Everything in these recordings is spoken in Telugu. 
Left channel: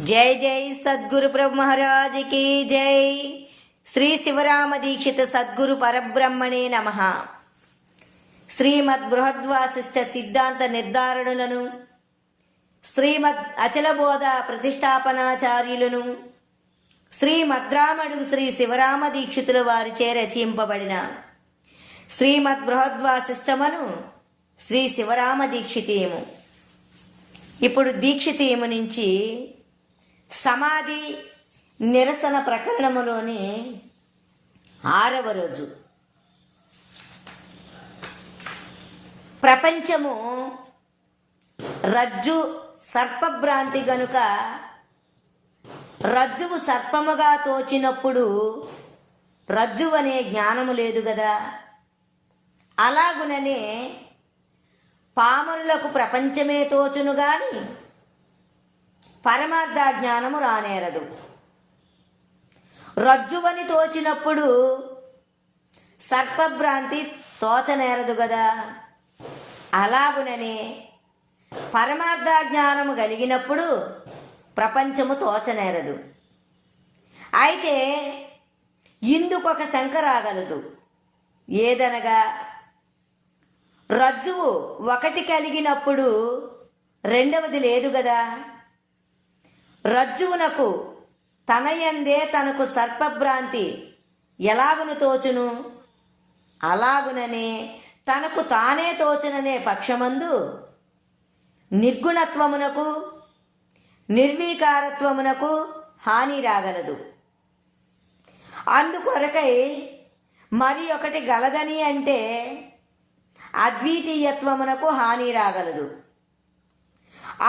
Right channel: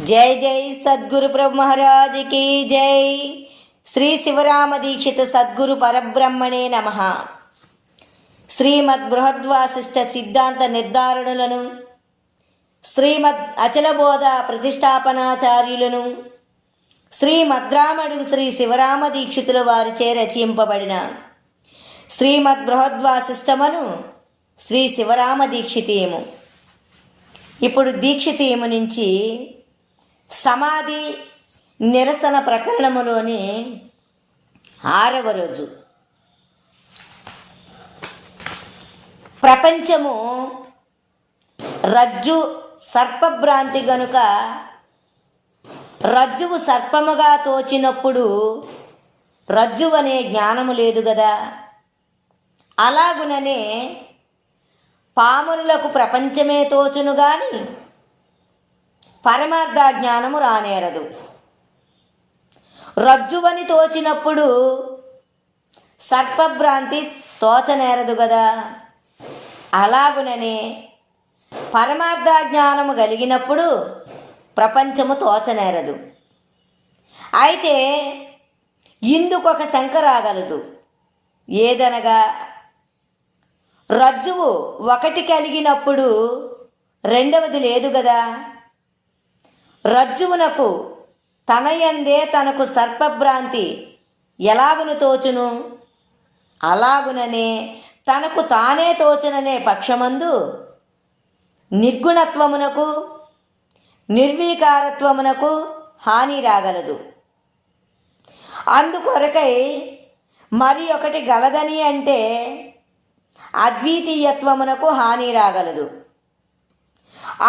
जय जय सद्गुरु प्रभु महाराज की जय। श्री शिवराम दीक्षित सद्गुरु परब्रह्मणे नमः। श्रीमद् बृहद्वासिष्ठ सिद्धांत निर्धारणुలను శ్రీమద్ అచలబోధ ప్రతిష్టాపనాచార్యులను శ్రీమద్రామడు శ్రీ శివరామ దీక్షితుల వారిచే రచింపబడిన శ్రీమద్ బృహద్వాసిష్టమును శ్రీ శివరామ దీక్షితీయము. ఇప్పుడు దీక్షితీయము నుంచి సమాధి నిరసన ప్రకరణములోని 6వ రోజు. ప్రపంచము రజ్జు సర్పభ్రాంతి గనుక రజ్జువు సర్పముగా తోచినప్పుడు రజ్జువనే జ్ఞానము లేదు గదా. అలాగుననే పామరులకు ప్రపంచమే తోచును గాని పరమార్థ జ్ఞానము రానేరదు. రజ్జువని తోచినప్పుడు సర్పభ్రాంతి తోచనేరదు గదా. అలాగుననే పరమార్థ జ్ఞానము కలిగినప్పుడు ప్రపంచము తోచనేరదు. అయితే ఇందుకొక శంక రాగలదు. ఏదనగా రజ్జువు ఒకటి కలిగినప్పుడు రెండవది లేదు గదా. రజ్జువునకు తనయందే తనకు సర్పభ్రాంతి ఎలాగును తోచును, అలాగుననే తనకు తానే తోచుననే పక్షమందు నిర్గుణత్వమునకు నిర్వీకారత్వమునకు హాని రాగలదు. అందుకొరకై మరి ఒకటి గలదని అంటే అద్వితీయత్వమునకు హాని రాగలదు.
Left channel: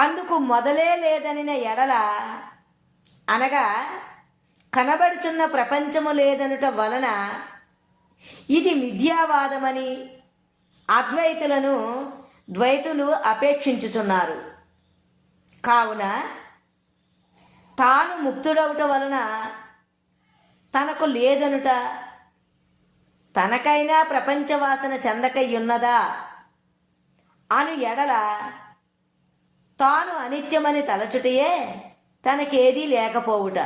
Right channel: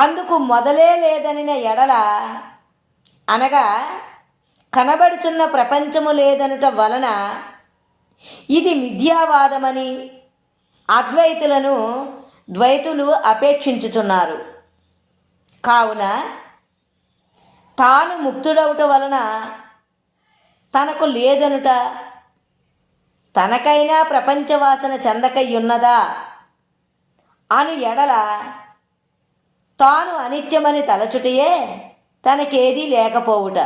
అందుకు మొదలే లేదనిన ఎడల, అనగా కనబడుతున్న ప్రపంచము లేదనుట వలన ఇది మిథ్యావాదమని అద్వైతులను ద్వైతులు అపేక్షించుచున్నారు. కావున తాను ముక్తుడవుట వలన తనకు లేదనుట, తనకైనా ప్రపంచవాసన చెందకయ్యున్నదా అను ఎడల తాను అనిత్యమని తలచుటయే తనకేదీ లేకపోవుట.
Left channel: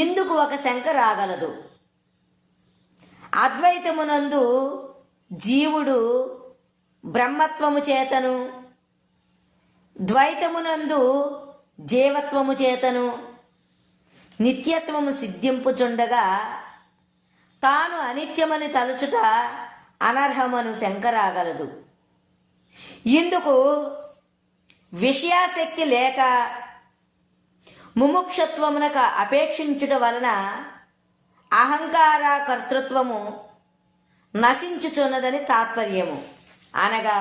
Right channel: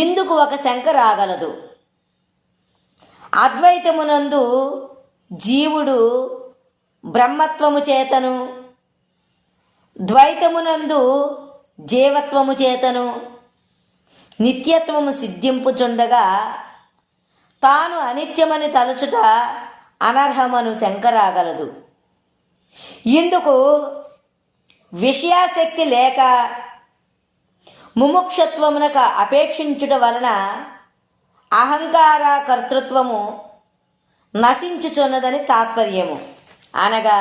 ఇందుకు ఒక శంక రాగలదు. అద్వైతమునందు జీవుడు బ్రహ్మత్వము చేతను, ద్వైతమునందు జీవత్వము చేతను నిత్యత్వము సిద్ధింపుచుండగా తాను అనిత్యమని తలచుట అనర్హమను శంక రాగలదు. ఇందుకు విషయాసక్తి లేక ముముక్షత్వమునకు అపేక్షించుట వలన అహంకార కర్తృత్వము నశించుచున్నదని తాత్పర్యము. అనగా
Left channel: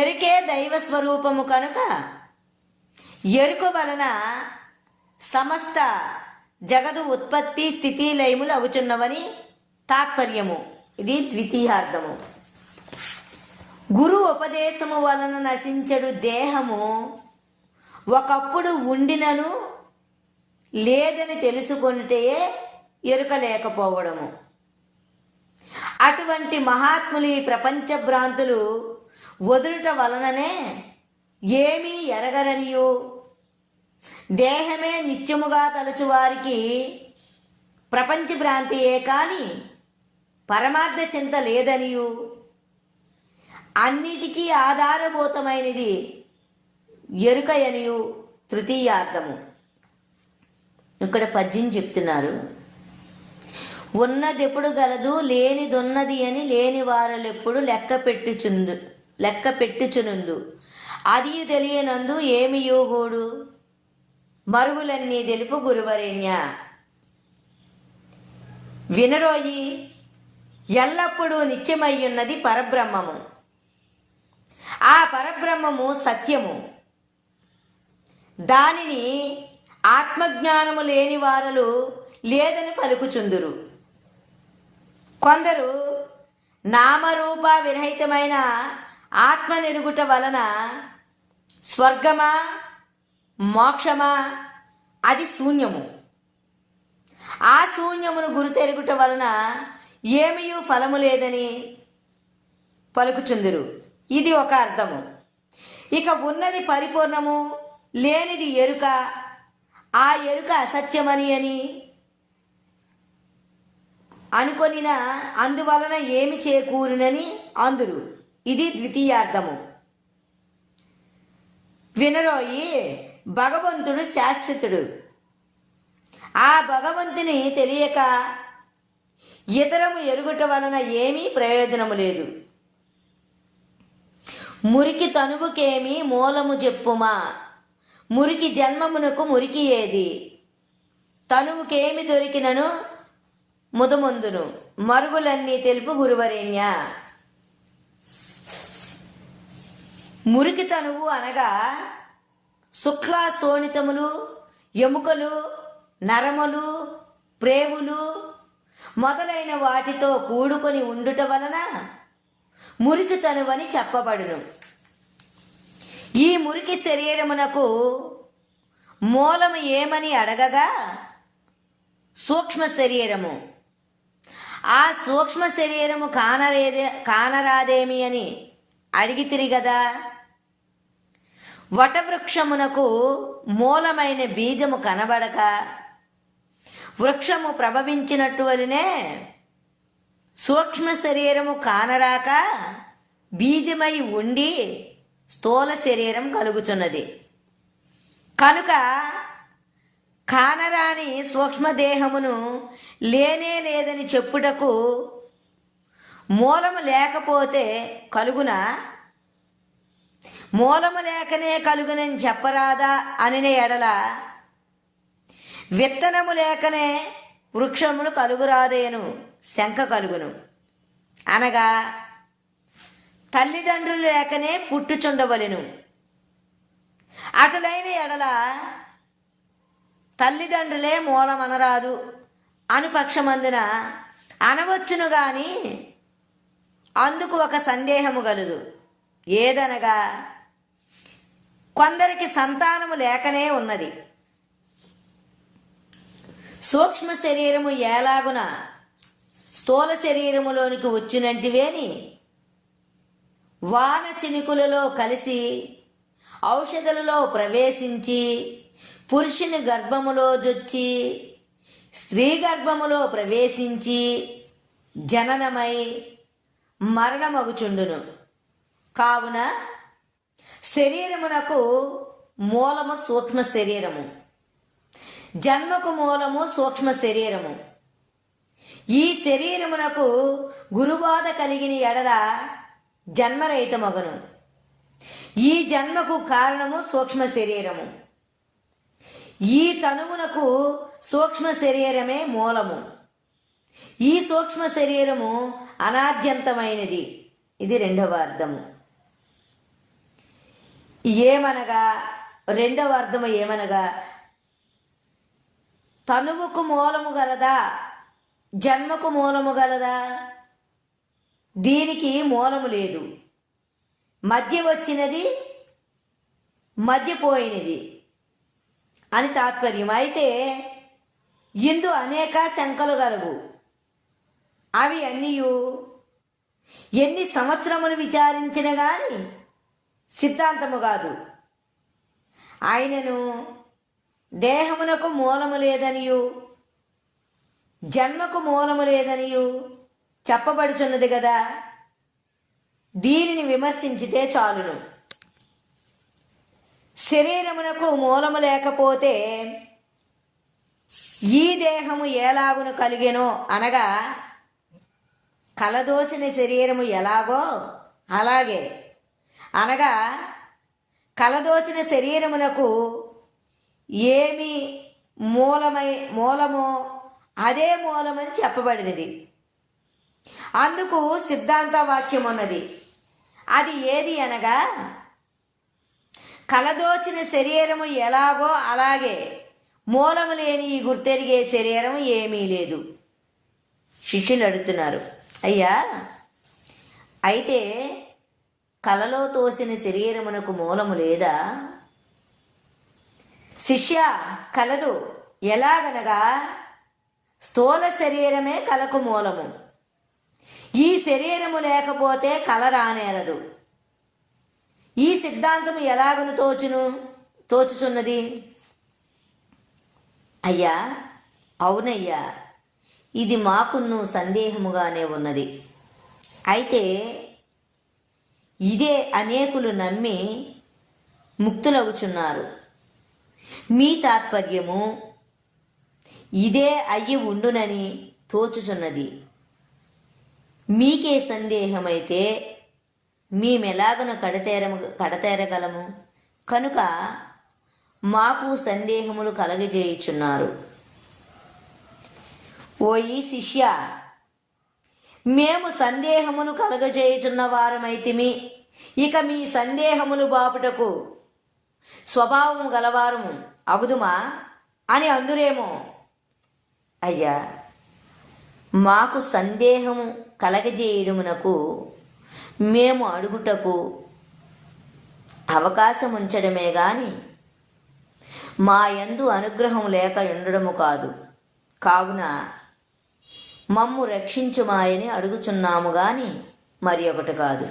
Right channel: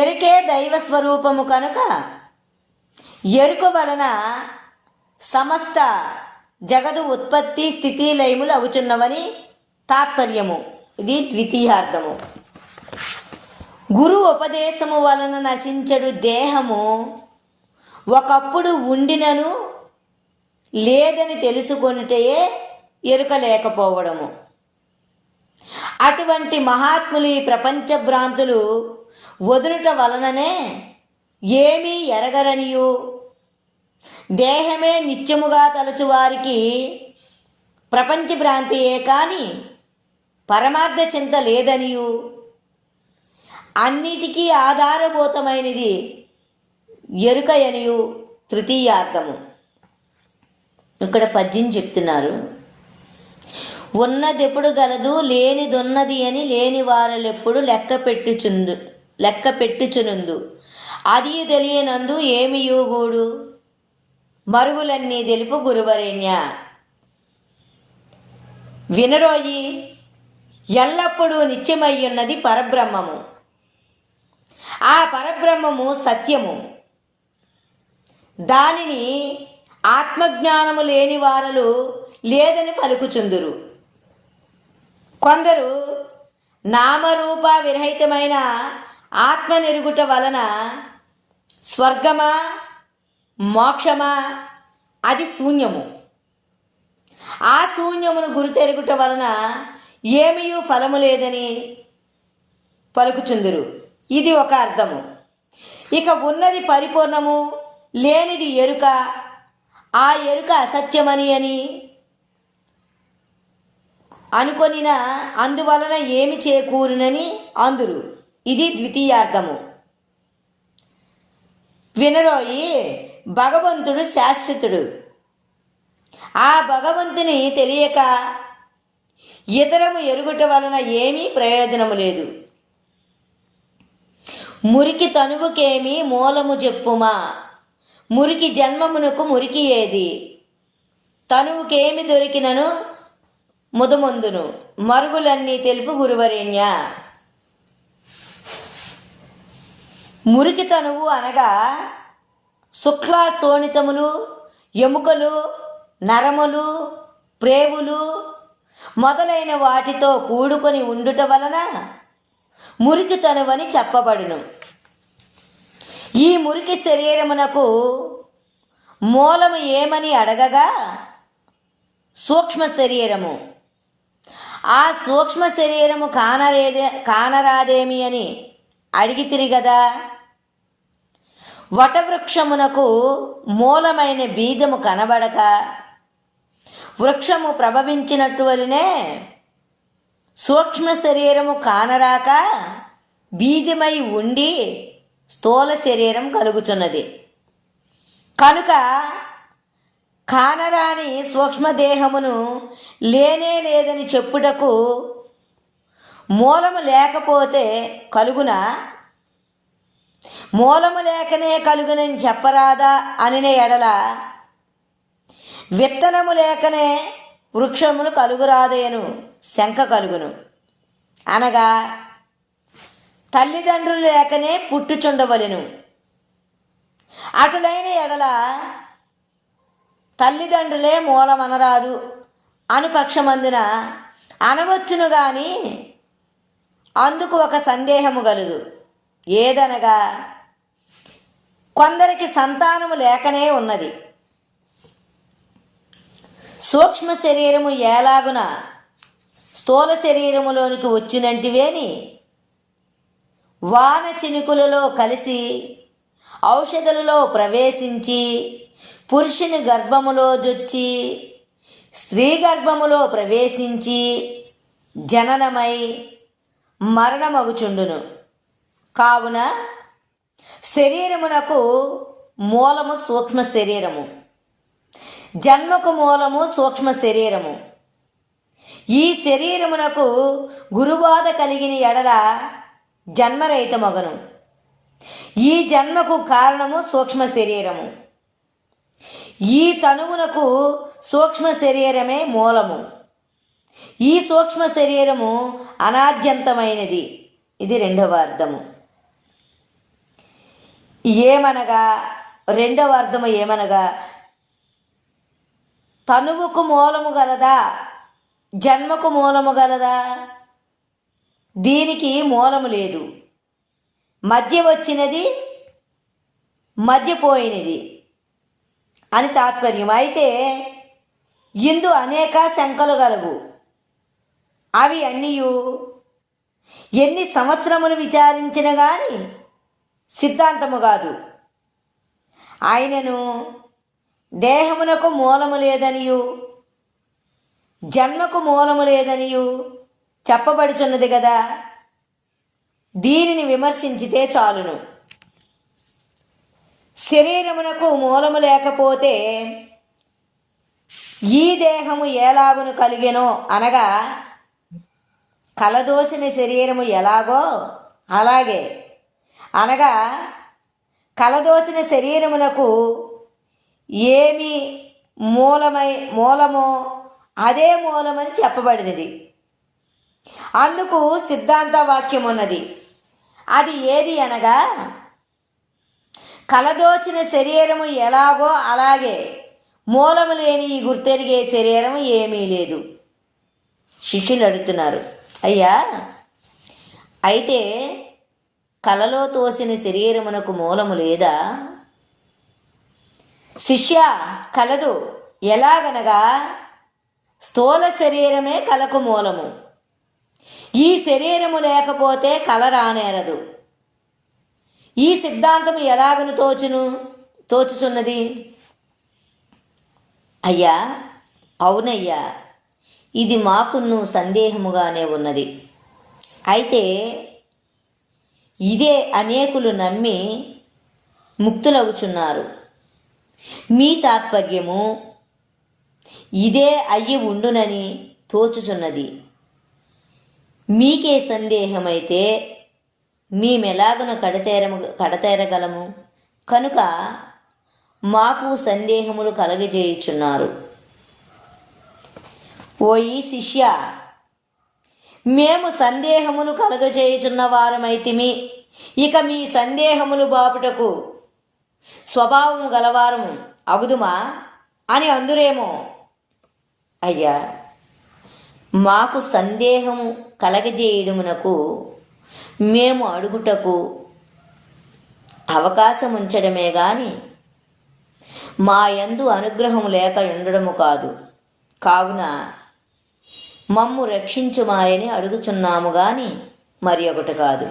ఎరుకే దైవస్వరూపము కనుక ఎరుక వలన సమస్త జగదు ఉత్పత్తి స్థితి లయములు అవుచున్నవని తాత్పర్యము. ఇది ద్వితీయార్థము. గురు ఉపదేశము వలన నశించడు దేహము ఒకప్పుడు ఉండినను లేదని తెలుసుకొనుటే ఎరుక లేకపోవడము. అటువంటి మహాత్ములు ఈ ప్రపంచ భ్రాంతులు వదులుట వలననే ఏమీ ఎరగరనియు, దేహమే నిత్యముగా తలచువారికి ప్రపంచ భ్రాంతియే కాని పరమార్థ చింత లేదనియు, అన్నిటికీ ఆధారభూతమైనది ఎరుకయనియు తృతీయార్థము. ఇక్కడ పద్యం చెప్తున్నారు. ఉన్నదెప్పుడు గలదు లేనిదున్నది అని లేని వారలెప్పుడు లెక్క పెట్టుచునుందు అది తెలియనందు ఏమి యోగుడు మరుగులన్నీ తెలుపు గురువరేణ్య. వినరోయి, ఎల్లప్పుడూ నిత్యమయ్యున్నది పరబ్రహ్మము. ఆ పరబ్రహ్మము సత్యము. దానిని ఆత్మజ్ఞానము లేని వారలు లేదని పలుకుచుందురు. కొందరు నామరూప విరహితమైన ఆత్మ నెరుగుట వలన స్వర్గమా మోక్షమా అది శూన్యము, ఆ శూన్యమును గురు తెరుగుట వలన ఏమీ ఫలము లేదని పలుకుచుందురు. ఇది ఒక అర్థము. ఇక ఉన్నది పరిపూర్ణము, లేనిది ఎరుక, ఆ ఎరుక అసత్యమని అని అనుకొనిన అందువలన ఏమి చేకూరునని అందురు. ఇది ద్వితీయార్థము. వినరోయి, భగవంతుడు శాశ్వతుడు. ఆ భగవంతుని తెలియక ఇతరము ఎరుగుట వలన ఏమీ ప్రయోజనము లేదు. మురికి తనువుకేమి మూలము చెప్పుమా, మురికి జన్మమునకు మురికి ఏది, తనువుకేమి దొరికినను ముదముందును, మరుగులన్నీ తెలుపు గురువరేణ్య. మురికి తనువు అనగా శుక్ల శోణితములు, ఎముకలు, నరములు, ప్రేవులు మొదలైన వాటితో కూడుకొని ఉండుట వలన మురికి తనువని చెప్పబడును. ఈ మురికి శరీరమునకు మూలము ఏమని అడగగా సూక్ష్మ శరీరము. ఆ సూక్ష్మ శరీరము కానరాదేమి అని అడిగితిరి గదా. వటవృక్షమునకు మూలమైన బీజము కనబడక వృక్షము ప్రభవించినట్టు వలనే సూక్ష్మ శరీరము కానరాక బీజమై ఉండి స్థూల శరీరం కలుగుచున్నది. కనుక కానరాని సూక్ష్మదేహమును లేనే లేదని చెప్పుటకు మూలము లేకపోతే కలుగునా, మూలము లేకనే కలుగునని చెప్పరాదా అనిన ఎడల విత్తనము లేకనే వృక్షములు కలుగురాదయను శంక కలుగును. అనగా తల్లిదండ్రులు లేకనే పుట్టుచుండవలెను. అటులైన ఎడల తల్లిదండ్రులే మూలమనరాదు అనుపక్షమందున అనవచ్చును గాని అందుకు ఒక సందేహము గలదు. ఏదనగా కొందరికి సంతానము లేకనే ఉన్నది. సూక్ష్మ శరీరము ఏలాగున స్థూల శరీరములోనికి వచ్చినంటివేని వాన చినుకులలో కలిసి ఔషధులలో ప్రవేశించి పురుషుని గర్భములో జొచ్చి స్త్రీ గర్భములో ప్రవేశించి జననమై మరణమగుచుండును. కావున శరీరమునకు మూలము సూక్ష్మ శరీరము, జన్మకు మూలము సూక్ష్మ శరీరము. ఈ శరీరమునకు గురుబాధ కలిగిన ఎడల జన్మరహితమగును. ఈ జన్మకు కారణము సూక్ష్మ శరీరము. ఈ తనువునకు సూక్ష్మ శరీరమే మూలము. ఈ సూక్ష్మ శరీరము అనాద్యంతమైనది. ఇది రెండవ అర్థము. ఏమనగా రెండవ అర్థము ఏమనగా తనువుకు మూలము గలదా, జన్మకు మూలము గలదా? దీనికి మూలము లేదు. మధ్య వచ్చినది, మధ్యపోయినది అని తాత్పర్యం. అయితే ఇందు అనేక శంకలు గలవు. అవి అన్నీయు ఎన్ని సంవత్సరములు విచారించిన గాని సిద్ధాంతము కాదు. ఆయనను దేహమునకు మూలము లేదనియు జన్మకు మూలము లేదనియు చెప్పబడుచున్నది కదా. దీనిని విమర్శించితే చాలును. శరీరమునకు మూలము లేకపోతే ఈ దేహము ఎలాగును కలిగెనో అనగా కలదోసిన శరీరము ఎలాగో అలాగే అనగా కలదోచిన శరీరమునకు ఏమి మూలమో అదే మూలమని చెప్పబడినది. అందుకు సిద్ధాంత వాక్యం ఉన్నది. అది ఏది అనగా కలదోచిన శరీరము ఎలాగో అలాగే మూలము లేని ఈ గుర్తెరిగే శరీరం ఏమీ లేదు. శిష్యులు అడుగుతున్నారు, అయ్యా అయితే కలలో తోసిన శరీరమునకు మూలము లేదా? శిష్య, కలదు. ఎలాగనగా స్థూల శరీరమే కలకు మూలము. ఈ శరీరము లేకపోతే కల రానేరదు. ఈ సిద్ధాంతం ఎలాగను తోచుచున్నది? అయ్యా, అవునయ్యా, ఇది మాకును సందేహముగానే ఉన్నది. అయితే ఇదే అనేకులు నమ్మి ముక్తులవుచున్నారు. మీ తాత్పర్యము ఇదే అయ్యి ఉండునని తోచుచున్నది. మీకే సందేహమైతే మేమెలాగన కడతేరగలము? కనుక మాకు సందేహములు కలగజేయుచున్నారు. ఓయి శిష్య, మేము సందేహమును కలగజేయుచున్న వారమైతిమి, ఇక మీ సందేహములు బాపుటకు స్వభావము గలవారము అగుదుమా అని అందురేమో. అయ్యా, మాకు సందేహము కలగజేయడమునకు మేము అడుగుటకు అవకాశం ఉంచడమే గాని మా యందు అనుగ్రహం లేక ఉండడము కాదు. కావున మమ్ము రక్షించుమాయని అడుగుచున్నాము గాని మరి ఒకటి కాదు.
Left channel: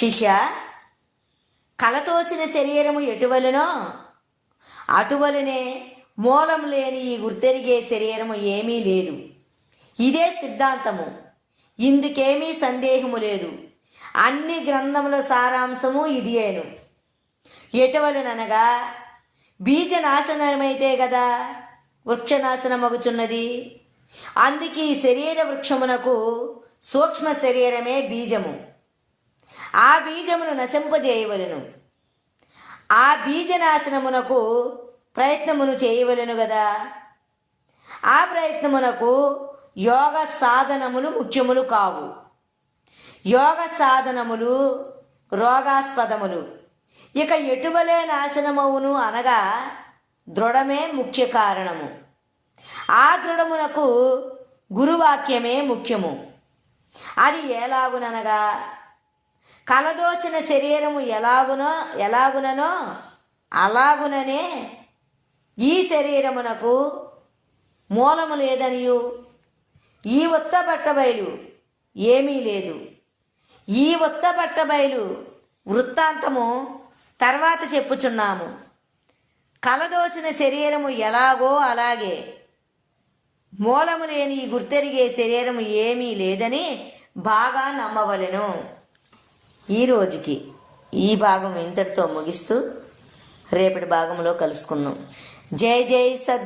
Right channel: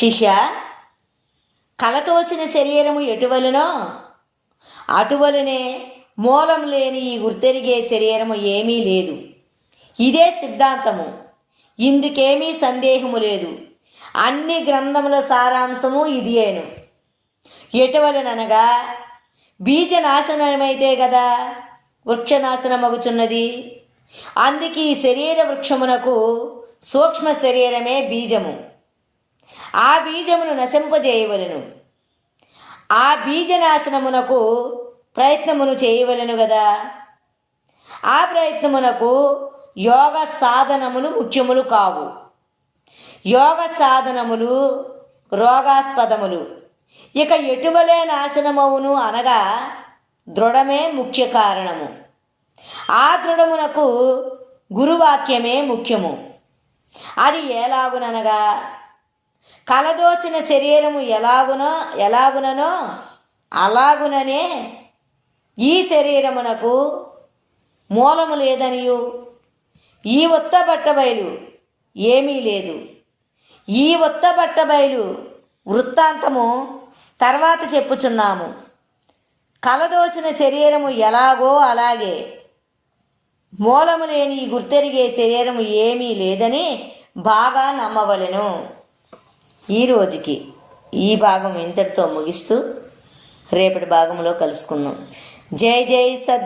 శిష్య, కలతోచిన శరీరము ఎటువలనో అటువలనే మూలం లేని ఈ గుర్తెరిగే శరీరము ఏమీ లేదు. ఇదే సిద్ధాంతము, ఇందుకేమీ సందేహము లేదు. అన్ని గ్రంథముల సారాంశము ఇదియేను. ఎటువలననగా బీజనాశనమైతే గదా వృక్షనాశనమగుచున్నది. అందుకే ఈ శరీర వృక్షమునకు సూక్ష్మ శరీరమే బీజము. ఆ బీజమును నశింపజేయవలెను. ఆ బీజనాశనమునకు ప్రయత్నమును చేయవలెను గదా. ఆ ప్రయత్నమునకు యోగ సాధనములు ముఖ్యములు కావు. యోగ సాధనములు రోగాస్పదములు. ఇక ఎటువలే నాశనమవును అనగా దృఢమే ముఖ్య కారణము. ఆ దృఢమునకు గురువాక్యమే ముఖ్యము. అది ఎలాగుననగా కలదోచిన శరీరము ఎలాగుననో అలాగుననే ఈ శరీరమునకు మూలము లేదనియు ఈ ఉత్త బట్టబయలు ఏమీ లేదు. ఈ ఉత్త బట్టబయలు వృత్తాంతము తర్వాత చెప్పుచున్నాము. కలదోచిన శరీరము ఎలాగో అలాగే మూలము లేని ఈ గుర్తెరిగే శరీరము ఏమీ లేదని బాగా నమ్మవలెను. ఈ రోజుకి ఈ భాగం ఇంతటితో ముగిస్తూ రేపటి భాగంలో కలుసుకుందాం. జై జై సద్